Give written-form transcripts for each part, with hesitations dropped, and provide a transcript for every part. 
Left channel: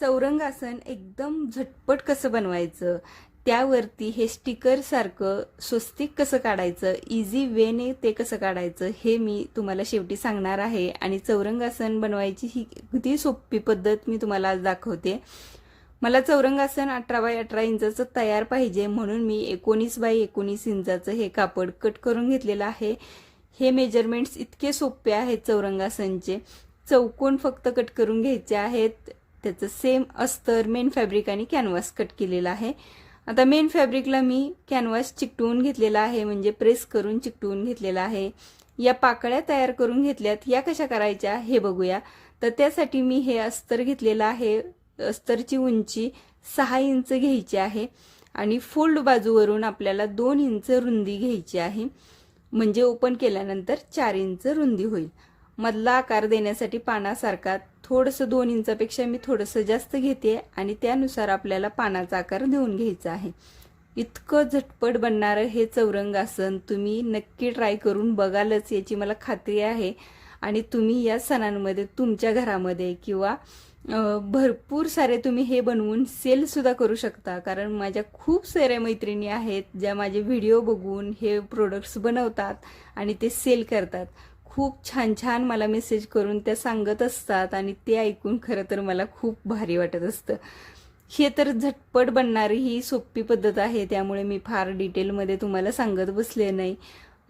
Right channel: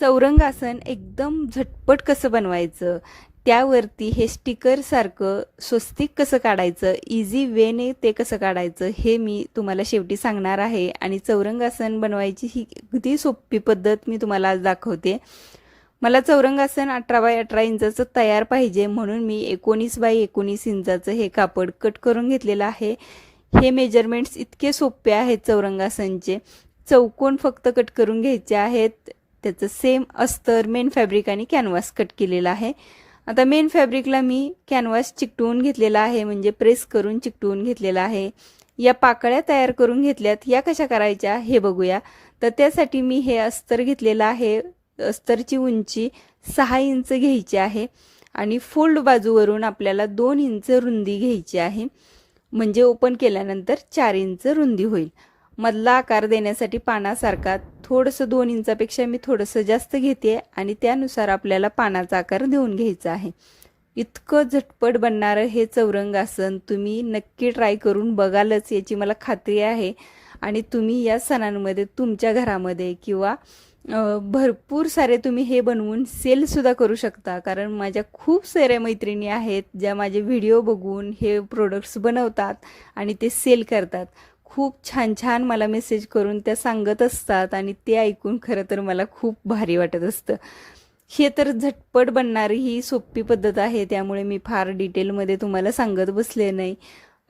चौरंगासन एकदम झटपट कसं बनवायचं, त्यावरती हे स्टिकर सारखं स्वस्तिक कसं काढायचं, इझी वेने ते कसं काढायचं हे मी तुम्हाला शेवटी सांगणार आहे. आणि चौरंगासन बनवायची ही किती सोपी पद्धत मी तुम्हाला आज दाखवते. मला चौरंगासन 18x18 इंचाचं तयार पाहिजे, म्हणून मी 19x19 इंचाचं हे कापड कट करून घेतलेलं आहे. हे मेजरमेंट्स इतके सोपे आहेत चौरंगासनचे. चौकोन फक्त कट करून घ्यायचे आहेत. त्याचं सेम अस्तर, मेन फॅब्रिक आणि कॅनव्हास कट केलेला आहे. आता मेन फॅब्रिकला मी कॅनव्हास चिकटवून घेतलेला आहे, म्हणजे प्रेस करून चिकटवून घेतलेला आहे. या पाकळ्या तयार करून घेतल्यात. या कशा करायच्या हे बघूया. तर त्यासाठी मी हे अस्तर घेतलेलं आहे. अस्तरची उंची 6 इंच घ्यायची आहे आणि फोल्ड बाजूवरून आपल्याला 2 इंच रुंदी घ्यायची आहे, म्हणजे ओपन केल्यानंतर 4 इंच रुंदी होईल. मधला आकार देण्यासाठी पानासारखा थोडंसं 2 इंचापेक्षा मी थोडंसं जास्त घेते आणि त्यानुसार आपल्याला पानाचा आकार देऊन घ्यायचा आहे. इतकं झटपट बनणारं हे चौरंगासन तुम्ही नक्की ट्राय करून बघालच याची मला खात्री आहे. आणि तुम्ही या सणांमध्ये तुमच्या घरामध्ये किंवा भरपूर सारे तुम्ही हे बनवून सेल सुद्धा करू शकता. कारण माझ्या खूप साऱ्या मैत्रिणी आहेत ज्या माझे व्हिडिओ बघून हे प्रोडक्ट्स बनवतात आणि ते सेल करतात. खूप छान छान मला मेसेज करून त्या सांगत असतात आणि ते ऐकून खरं तर मला खूप भारी वाटत असतं. हे तर झटपट बनणारी ही सोपी पद्धत आहे, त्यामुळे मी फार डिटेलमध्ये तुम्हाला सांगत बसले नाही.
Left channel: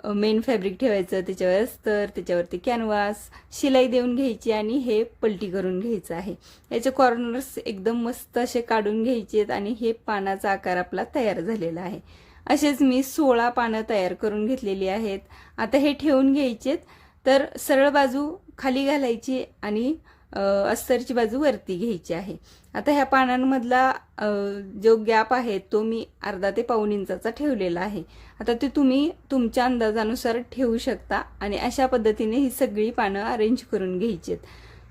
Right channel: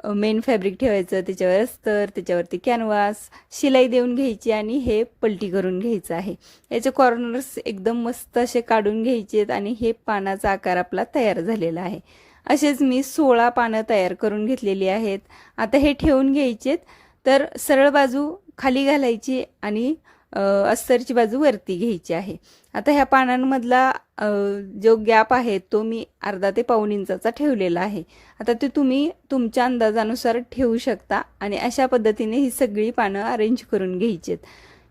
मेन फॅब्रिक ठेवायचं, त्याच्यावर अस्तर, त्याच्यावरती कॅनव्हास, शिलाई देऊन घ्यायची आणि हे पलटी करून घ्यायचं आहे. याचे कॉर्नर्स एकदम मस्त असे काढून घ्यायचेत आणि हे पानाचा आकार आपला तयार झालेला आहे. असेच मी 16 पानं तयार करून घेतलेली आहेत. आता हे ठेवून घ्यायचेत. तर सरळ बाजू खाली घालायची आणि अस्तरची बाजू वरती घ्यायची आहे. आता ह्या पानांमधला जो गॅप आहे तो मी अर्धा ते पाऊण इंचाचा ठेवलेला आहे. आता ते तुम्ही तुमच्या अंदाजानुसार ठेवू शकता आणि अशा पद्धतीने ही सगळी पानं अरेंज करून घ्यायचीत.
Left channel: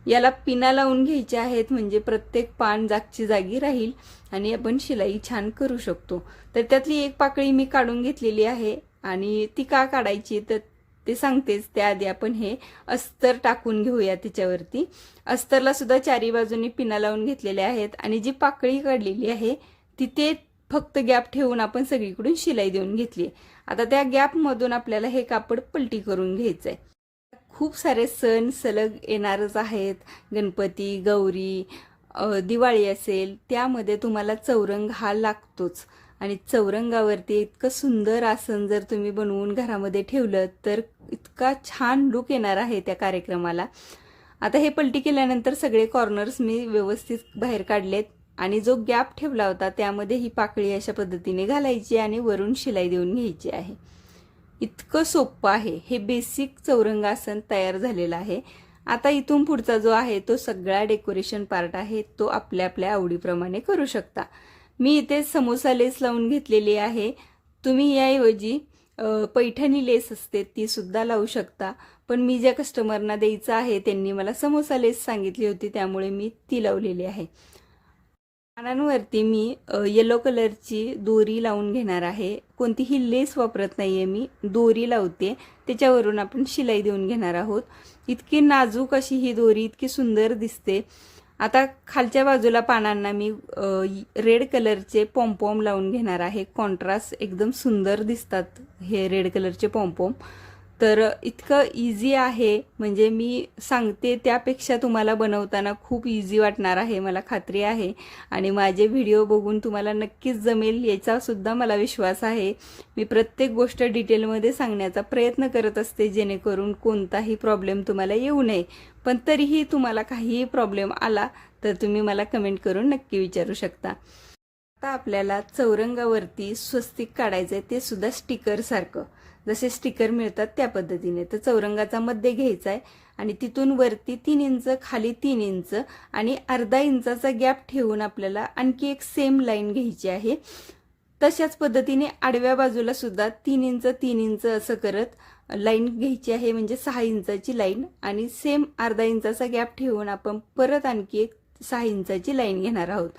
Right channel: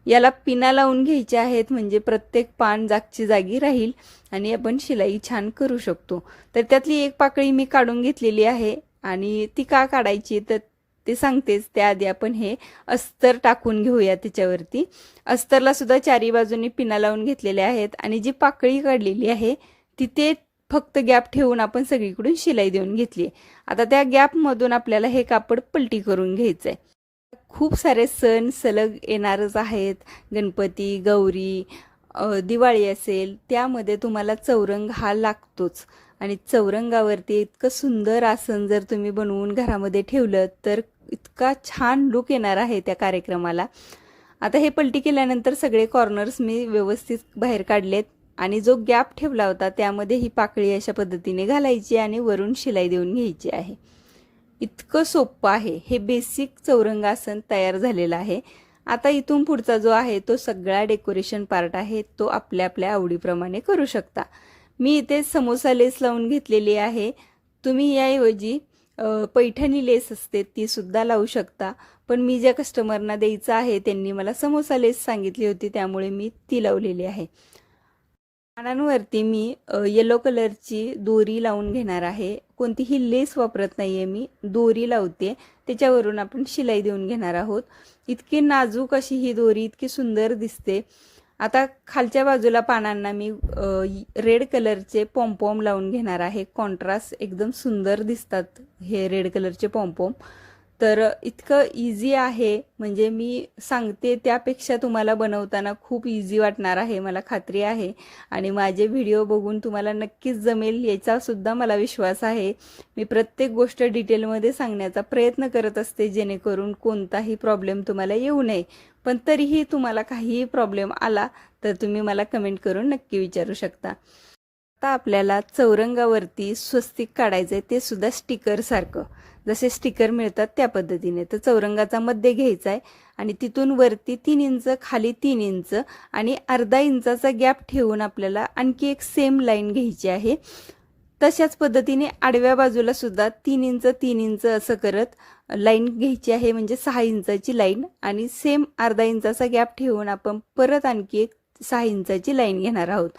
याला पिना लावून घ्यायच्या आहेत, म्हणजे प्रत्येक पान जागची जागी राहील आणि आपण शिलाई छान करू शकतो. तर त्यातली एक पाकळी मी काढून घेतलेली आहे आणि ती का काढायची तर ते सांगतेच. त्याआधी आपण हे अस्तर टाकून घेऊया त्याच्यावरती. अस्तरला सुद्धा चारी बाजूनी पिना लावून घेतलेले आहेत आणि जी पाकळी काढलेली आहे तिथे फक्त गॅप ठेवून आपण सगळीकडून शिलाई देऊन घेतली. आता त्या गॅपमधून आपल्याला हे कापड पलटी करून घ्यायचंय. खूप सारे सण सलग येणारच आहेत. गणपती, गौरी, दिवाळी असेल, त्यामध्ये तुम्हाला चौरंग हा लागतोच. आणि चौरंगावरती इतकं सुंदर आसन जर तुम्ही बनवून घरामध्ये ठेवलं तर इतका छान लुक येणार आहे त्या कार्यक्रमाला. आता हे पलटी केल्यानंतर सगळे कॉर्नर्स मी व्यवस्थित बाहेर काढलेत आणि जो गॅप ठेवला होता त्यामध्ये ही पाकळी अशा पद्धतीने घालायची आणि वरून शिलाई देऊन घ्यायची आहे. इतकं सोपं आहे. हे बेसिक चौरंगासन तयार झालेलं आहे. आता इथून पुढचा जो आहे तो सगळा डेकोरेशन पार्ट आहे, तो आपल्या आपल्या आवडीप्रमाणे करू शकता. मी इथे समोसा लेस लावून घेतलेली आहे. तुम्ही याऐवजी पैठणी लेस असते ती सुद्धा लावू शकता, पण मी ज्या कस्टमरना द्यायचं आहे त्यांनी मला समोसा लेस सांगितली होती, त्यामुळे मी ती लावलेली आहे. पानांवरती मी येलो कलरची दोरी लावून घेणार आहे. कोणतीही लेस वापरत नाहीये मी, दोरी लावते. त्याच्यावरून आपण शिलाई देऊन घेणार आहोत. इतकी नाजूक अशी ही दोरी, इतकी सुंदर दिसते. आता खालच्या बाजूला पानांना मी रेड कलरचे पॉम्पॉम लावून घेणार आहे. कॉन्ट्रास्ट एकदम सुंदर दिसतात हे रेड कलरचे पॉम्पॉम. तर इतकं इझी आहे, म्हणजे मी सांगते त्यापेक्षा तुम्हाला बनवताना खूप इझी वाटणार आहे, मला खात्री आहे. आणि माझे व्हिडिओ बघून तुम्हाला नक्कीच जमेल याचा सुद्धा मला विश्वास आहे. मी प्रत्येक गोष्ट डिटेलमध्ये सांगण्याचा प्रयत्न करत असते, जेणेकरून कोणताही प्रॉब्लेम तुम्हाला येऊ नये. पण तरीही तुम्हाला काहीही प्रॉब्लेम आला तर तुम्ही मला कमेंट करून नक्की विचारू शकता. आता आपल्याला चौरंगावरती स्वस्तिक काढायचंय, ते सुद्धा स्टिकर सारखं, जसे स्टिकर मिळतात त्या पद्धतीने. तर चौरंगाचा मध्ये घ्यायचा आहे आणि तिथून वरती 3 इंच, खाली 3 इंच आणि अर्धा इंचाचा गॅप ठेवून आपल्याला आणखी एक सेम लाईन घ्यायची आहे. तशाच पद्धतीने आडव्या बाजूला सुद्धा 3 इंच 3 इंच असं करत लाईन घ्यायची आहे, म्हणजे 6 इंचाची लाईन. आणि सेम अर्धा इंचाचा गॅप ठेवून आपण परत आणखी एक 6 इंचाची लाईन घेणार आहोत.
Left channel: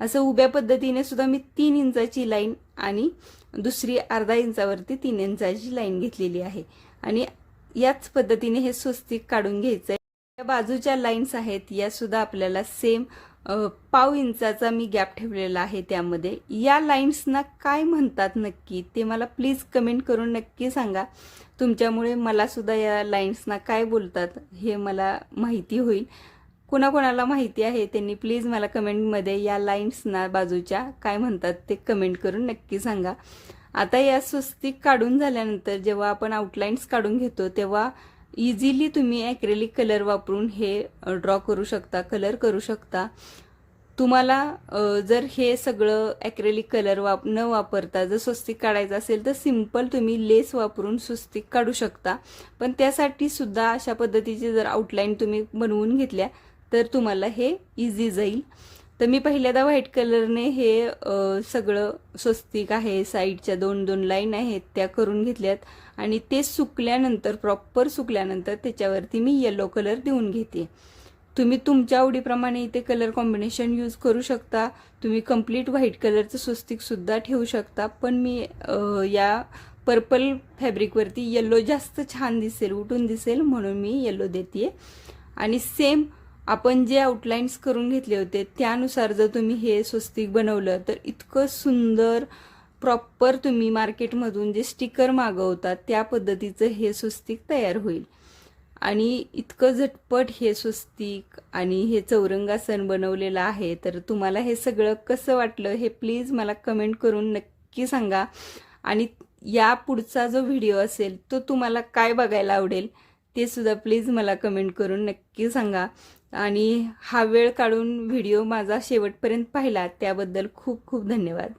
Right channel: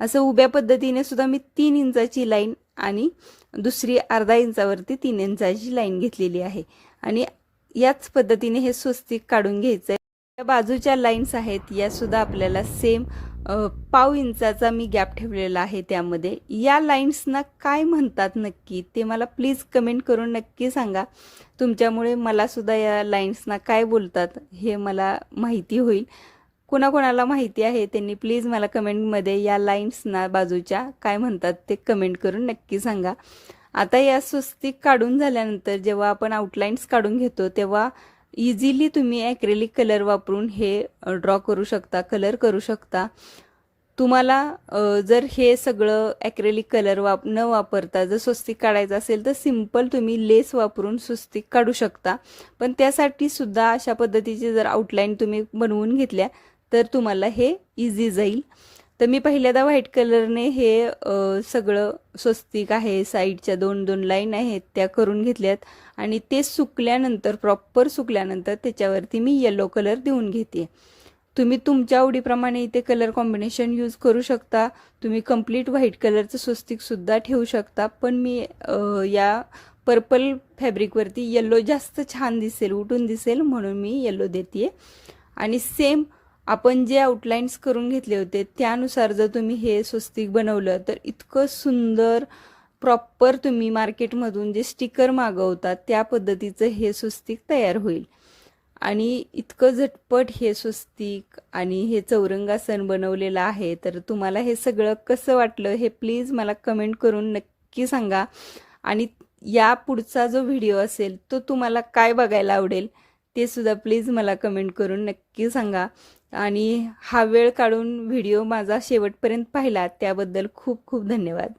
असं उभ्या पद्धतीने सुद्धा मी 3 इंचाची लाईन आणि दुसरी अर्धा इंचावरती 3 इंचाची लाईन घेतलेली आहे. आणि याच पद्धतीने हे स्वस्तिक काढून घ्यायचंय. या बाजूच्या लाईन्स आहेत या सुद्धा आपल्याला सेम पाव इंचाचा मी गॅप ठेवलेला आहे त्यामध्ये. या लाईन्सना काय म्हणतात नक्की ते मला प्लीज कमेंट करून नक्की सांगा. तुमच्यामुळे मला सुद्धा या लाईन्सना काय बोलतात हे मला माहिती होईल. कोणाकोणाला माहिती आहे त्यांनी प्लीज मला कमेंटमध्ये या लाईन्सना बाजूच्या काय म्हणतात ते कमेंट करून नक्की सांगा. आता या स्वस्तिक काढून झाल्यानंतर जेव्हा आपण आउटलाईन्स काढून घेतो तेव्हा इझिली तुम्ही ॲक्रेलिक कलर वापरून हे ड्रॉ करू शकता, कलर करू शकता. तुम्हाला जर हे सगळं ॲक्रेलिक कलर न वापरता जर स्वस्तिक काढायचं असेल तर सिंपल तुम्ही लेस वापरून स्वस्तिक काढू शकता. पण त्यासाठी सुद्धा अशा पद्धतीचे जर आउटलाईन तुम्ही बनवून घेतल्या तर तुम्हाला हे इझी जाईल. तर मी पहिल्यांदा व्हाईट कलरने हे सगळं स्वस्तिक आहे, साईडच्या दोन दोन लाईन आहेत त्या करून घेतल्यात आणि ते सुकल्यानंतर प्रॉपर सुकल्यानंतर त्याच्यावरती मी येलो कलर देऊन घेते. तुम्ही तुमच्या आवडीप्रमाणे इथे कलर कॉम्बिनेशन यूज करू शकता. तुम्ही कंप्लीट व्हाईट कलरचं स्वस्तिक सुद्धा ठेवू शकता. पण मी या पर्पल फॅब्रिकवरती येलो जास्त छान दिसेल, उठून दिसेल म्हणून मी येलो देते. आणि सेम आपण जे आउटलाईन्स करून घेतले होते त्यानुसार जर तुम्ही हे स्वस्तिक बनवलं तर इतकं सुंदर प्रॉपर तुम्ही मार्केटमधून जे स्टिकर मागवतात त्या पद्धतीचं हे स्वस्तिक तयार होईल. आणि इतकं झटपट हे स्वस्तिक आणि हे चौरंगासन बनवलेलं आहे. तर तुम्हाला हे सगळं कसं वाटलं हे प्लीज मला कमेंट करून नक्की सांगा. आणि या पुढचा जो व्हिडिओ असेल तो तुम्हाला काय बघायला आवडेल ते सुद्धा प्लीज मला कमेंट करून नक्की सांगा. आणि हा वेळ काढून व्हिडिओ माझा शेवटपर्यंत पाहिला त्याबद्दल खूप खूप धन्यवाद.